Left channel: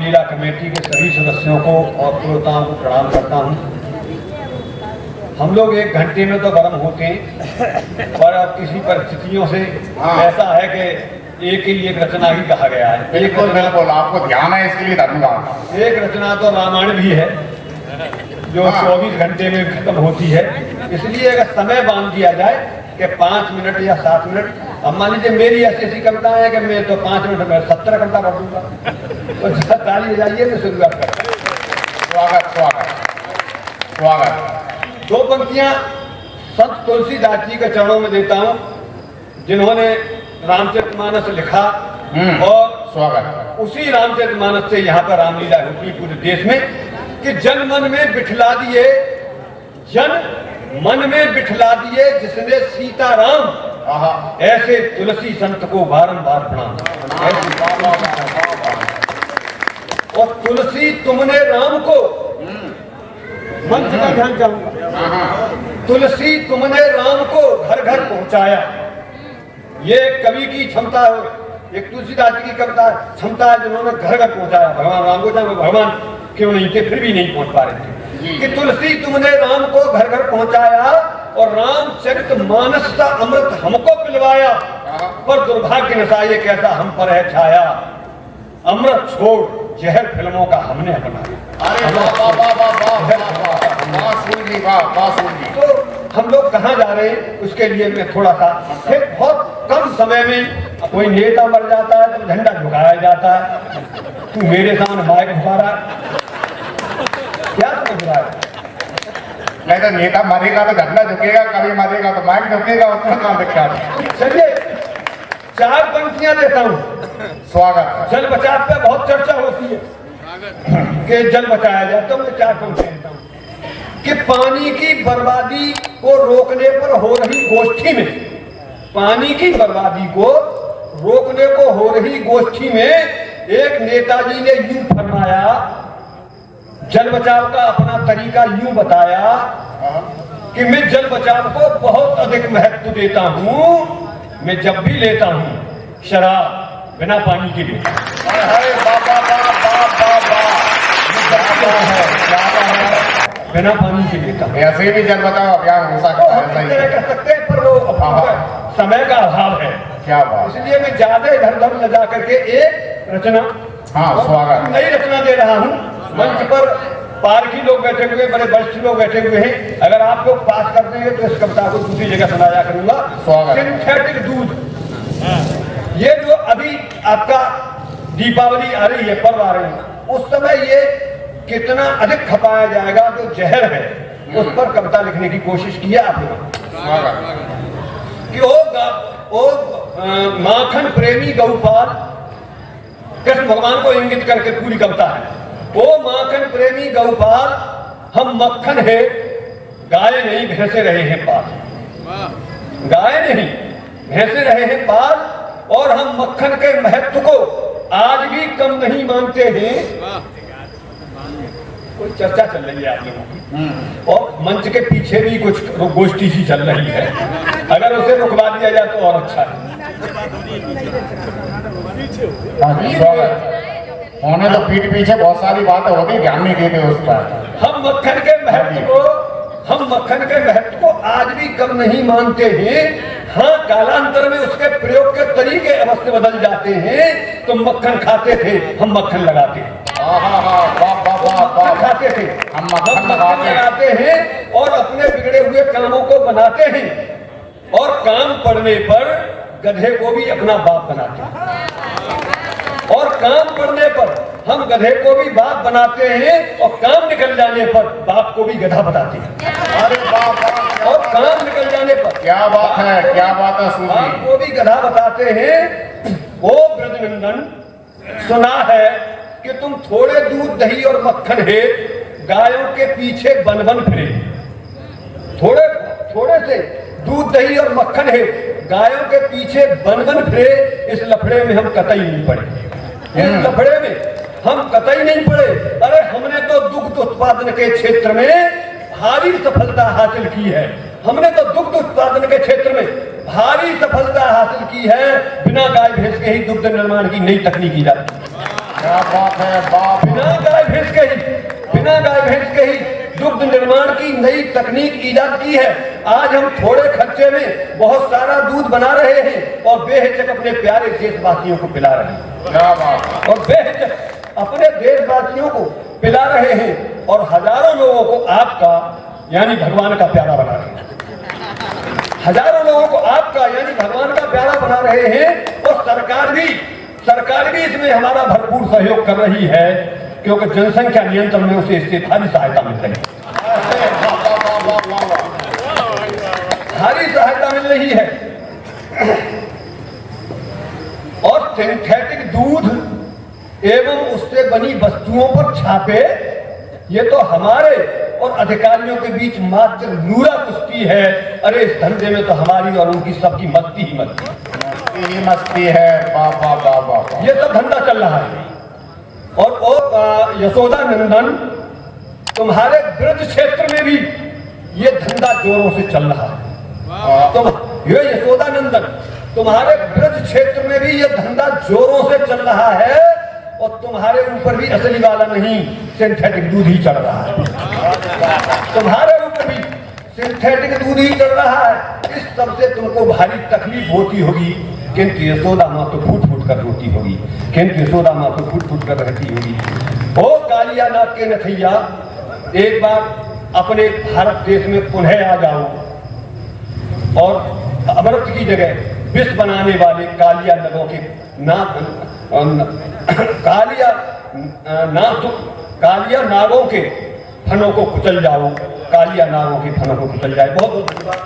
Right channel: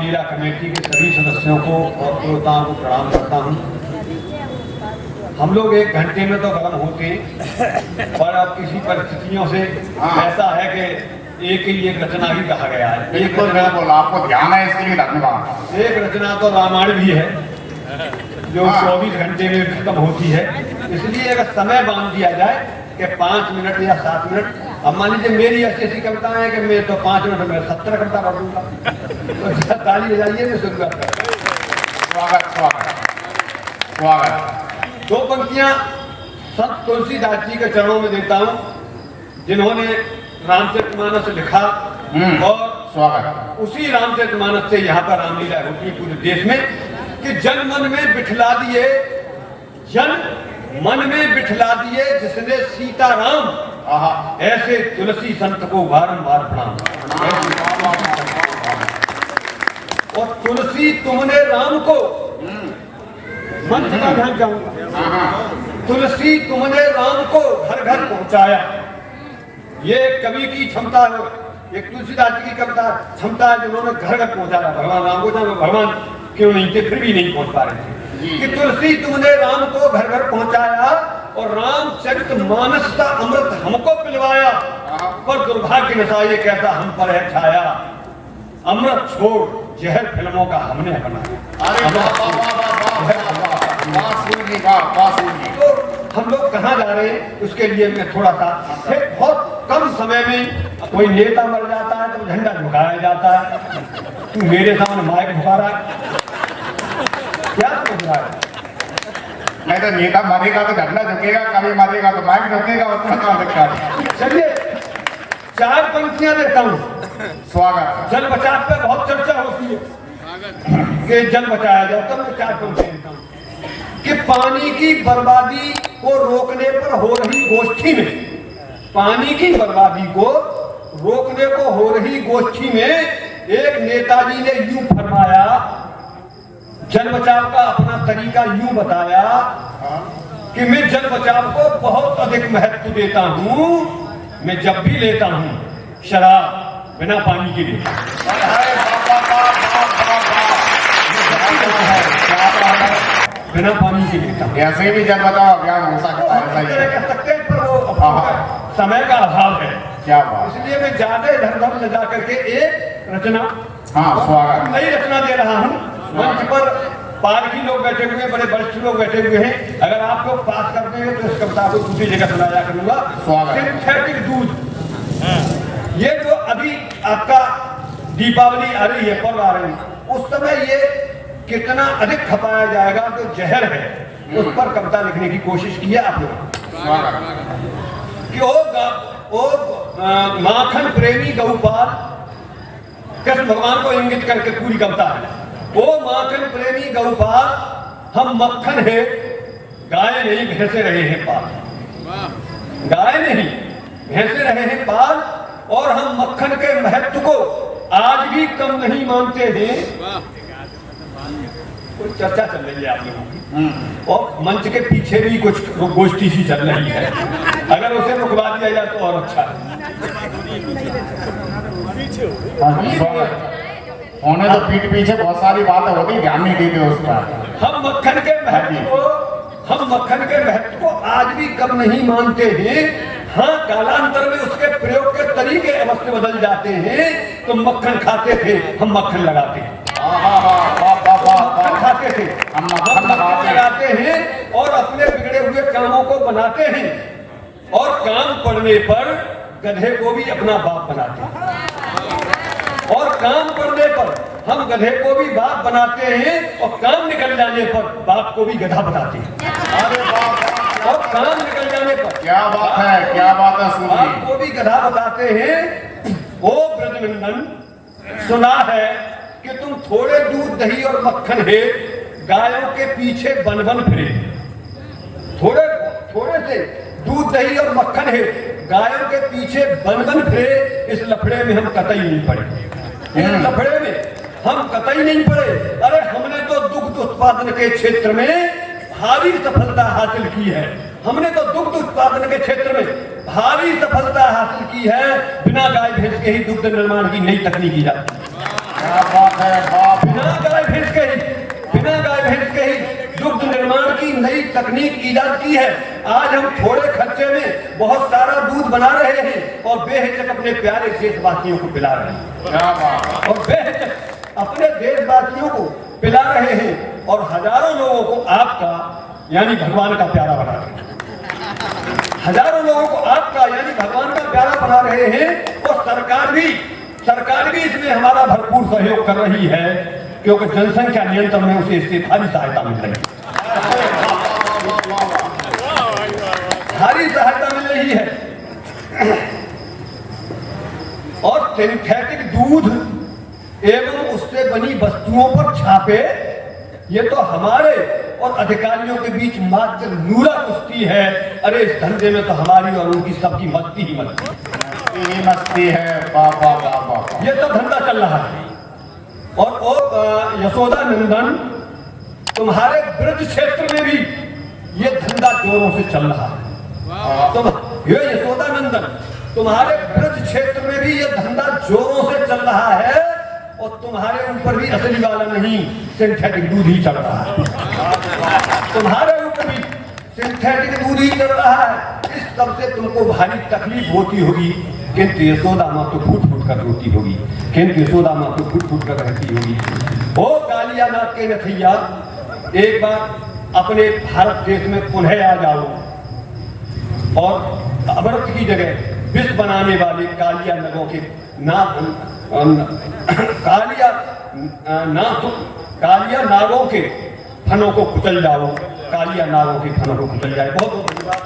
Ramlila committee के सभी सदस्यों को और श्रोताओं को प्रणाम करता हूँ। हम लोग 1 घंटे में तो गर्म होते हैं, पर अब किसी परिस्थितियों से ऐसा है कि एक ही एक रचना ही कहा गया है। एक रचना बोला, आपको ध्यान है इसके लिए धन्यवाद। एक रचना तो रामायण भी है जो 24 घंटे में खत्म होती है, इसलिए अगर समय बांध दिया जाए कि 5 मिनट या 7 मिनट, अब मान लीजिए मेरी ऐसी कविता है कि मैं तो 5 मिनट में 70 कविता कर दूंगा, तो ताली बजाइए मैं शुरुआत करता हूँ। स्वागत स्वागत स्वागत। 2 पंक्तियां संत तुलसीदास जी के चरणों में देता हूं, जिन्होंने रामचरितमानस लिखा और स्वागत। उसी रामचरितमानस से यहाँ पर रामलीला होती है पूरे देश में कि जन मन में बिठला दिए, जन मन में बिठला दिए जिसने सीताराम, ऐसे तुलसी संत को बारंबार प्रणाम। और तुलसी तुमने राम को, मंच का ध्यान चाहूंगा, तुलसी तुमने राम को घर घर पहुंचाया। ये कवि की क्षमता है, एक तुलसीदास जी की कविता क्षमता है जिन्होंने घर घर पहुंचाया भगवान राम को। जब भगवान क्यों नहीं थे, फिर भी नहीं पहुंच पा रहे थे कि तुलसी तुमने राम को घर घर पहुंचाया और रामचरितमानस का अमृत हमको पिलवाया, पर दुर्भाग्य नशा ये कैसा हम पर है छाया, अमृत छोड़ जहर फिल्मों का हमने बनाया। तो हम लोग कहाँ जा रहे हैं उसके लिए मैं थोड़ा सा, बहुत कम समय में कोई नेता मर जाता है तो झंडा झुकाया जाता है, तू मेरे सामने माइक झुका रहा है, क्या समझ रहा है? नहीं तो नेता मरेगा तो झंडा झुकेगा, कभी मरेगा तो माइक झुकेगा, उतना काम दिखता है। चलिए 4 पंक्तियां देता हूँ। स्वागत। जल बचाव पे बहुत चर्चा होती है कि जल बचाया जाए, तो मैं 4 पंक्तियां देता हूँ कि पानी की बर्बादी को रोकने पर हो रही गोष्ठी में, पानी की बर्बादी को रोकने को हो रही गोष्ठी में एक नेताजी ने यूं फरमाया, जल बचाव का अपना तरीका यूं बताया कि मैं जल बचाव को बहुत अधिक महत्व देता हूं, मैं जब भी लेता हूं शराब बिना पानी के लिए, बिना पानी के लेता हूं। ऐसे भी जल बचाओ अभियान हो सकता है, पर वो समय का अभाव है। क्या बात। इसलिए मैं ज्यादा इधर उधर न जा करके एक रचना, स्वागत, नई रचना दे रहा हूँ। मंच पर पारखी लोग बैठे हुए, बड़े वरिष्ठ लोग बैठे हुए हैं, अगर आप लोग पास कर देंगे तो इस कविता को दूसरी जगह सुनाया करूंगा। सिंथेटिक दूध, ये जो अभी आपका दीपावली आ रही है, पर्व आ रही है, उस समय ये कितना अधिक खपाया जाएगा जो जहर है, उस पर कविता लिखने की कोशिश किया आपने कि ओ माखन प्रेमी गौपाल, कृष्ण भगवान को इंगित करके पूरी कविता है। ओ माखन प्रेमी गौपाल, हम मक्खन है गाय नहीं भैंसे रहे हैं पाल, गाय नहीं भैंसे रहे हैं पाल, और हम मक्खन के महत्व को आज भी कम नहीं मानते हैं। कोई चर्चा चल रही है आप लोगों की और मंच के पीछे भी कुछ गोष्ठी सी चल रही है, अगर उसे रुकवा दिया जाए तो और अच्छा है। होने तो पीठ पीछे बहुत सारी बातें होती, ध्यान नहीं देते उस पर। हम मक्खन के महत्व को, हम मक्खन के महत्व को आज भी कम नहीं मानते हैं। हाँ, कालांतर में उसके प्रयोग के तरीके अवश्य बदल जाते हैं। तो मक्खन खाते थे, हम मक्खन लगाते हैं, खाते थे, हम मक्खन लगाते हैं और अपने बिगड़े हुए कामों को बनाते हैं, और काम पड़ने पर गधे को भी अपना बाप बनाते हैं, और काम करने पर हम गधे को भी बाप बनाते हैं, और काम निकल जाने पर बाप को भी गधा बताते हैं। अरे बाप, और काम निकल जाने पर क्या बात है, क्या बात है, बाप को भी गधा बताते हैं। ओ ब्रजनंदन, सुना है कि तुम थोड़े दूध दही और मक्खन है गायों के पीछे बन बन फिरे, थोड़े थोड़े से दूध दही और मक्खन है गायों के पीछे बन बन फिरे, इस लफड़े में हम कतई नहीं पड़े, इस लफड़े में हम कतई नहीं पड़े। अरे हमने तो दुग्ध उत्पादन के क्षेत्र में भारी सफलता हासिल की है, हमने तो दुग्ध उत्पादन के क्षेत्र में भारी सफलता हासिल की है। बिना गाय भैंस के ही दुग्ध निर्माण की नई तकनीक की जाती है। क्या बात है बाप। बिना गाय भैंस के ही दुग्ध निर्माण की नई तकनीक ईजाद की है। आज हम थोड़े खर्चे में बहुत सारा दूध बना रहे हैं और बेहिचक अपने प्यारे देशवासियों को पिला रहे हैं। क्या बात। और बेहिचक अपने देशवासियों को पिला रहे हैं और हजारों लोगों को आपका यानी भगवान का प्यारा बना रहे हैं। हजारों लोगों को आपका यानी भगवान का प्यारा बना रहे हैं और सरकार भी इसमें हमारा भरपूर सहयोग कर रही है, क्योंकि जनसंख्या नियंत्रण में उसे इससे भारी सहायता मिल रही है। भारी सहायता मिल रही है। और सिंथेटिक दूध एवं उससे बनी वस्तुओं पर छापे, ये तो हमारे और अधिकारियों के बीच मात्र नूरा कुश्ती है। अरे इस धंधे में तो हमारी और उनकी सबकी मस्ती ही मस्ती है। बाबा बाबा ये सब धंधा चल रहा है। और यशोदा नंदन तुम्हारे ब्रज क्षेत्र में भी ये धंधा जोरों से चल रहा है। तो ये यशोदा नंदन तुम्हारे ब्रज क्षेत्र में भी ये धंधा जोरों से चल रहा है और तुम्हारे ऊपर भी असली वाला नहीं सिंथेटिक दूध ही चल रहा है। तुम्हारे ऊपर भी सिंथेटिक दूध ही चल रहा है। इस सबसे तुमको भारी तकलीफ होती होगी, किंतु यशोदा माँ तो फूट फूट कर रोती होगी, किंतु यशोदा माँ तो फूट फूट कर रहती होगी। ओ कालिया नाग के नथैया, एक बार अपने भारत देश में पुनः आ जाओ और अमृत की जगह विष बनाने वाले कालिया नगों के कालिया नागों के फनों को कुचल जाओ। कालिया नागों के फनों को कुचल जाए। बहुत बहुत धन्यवाद।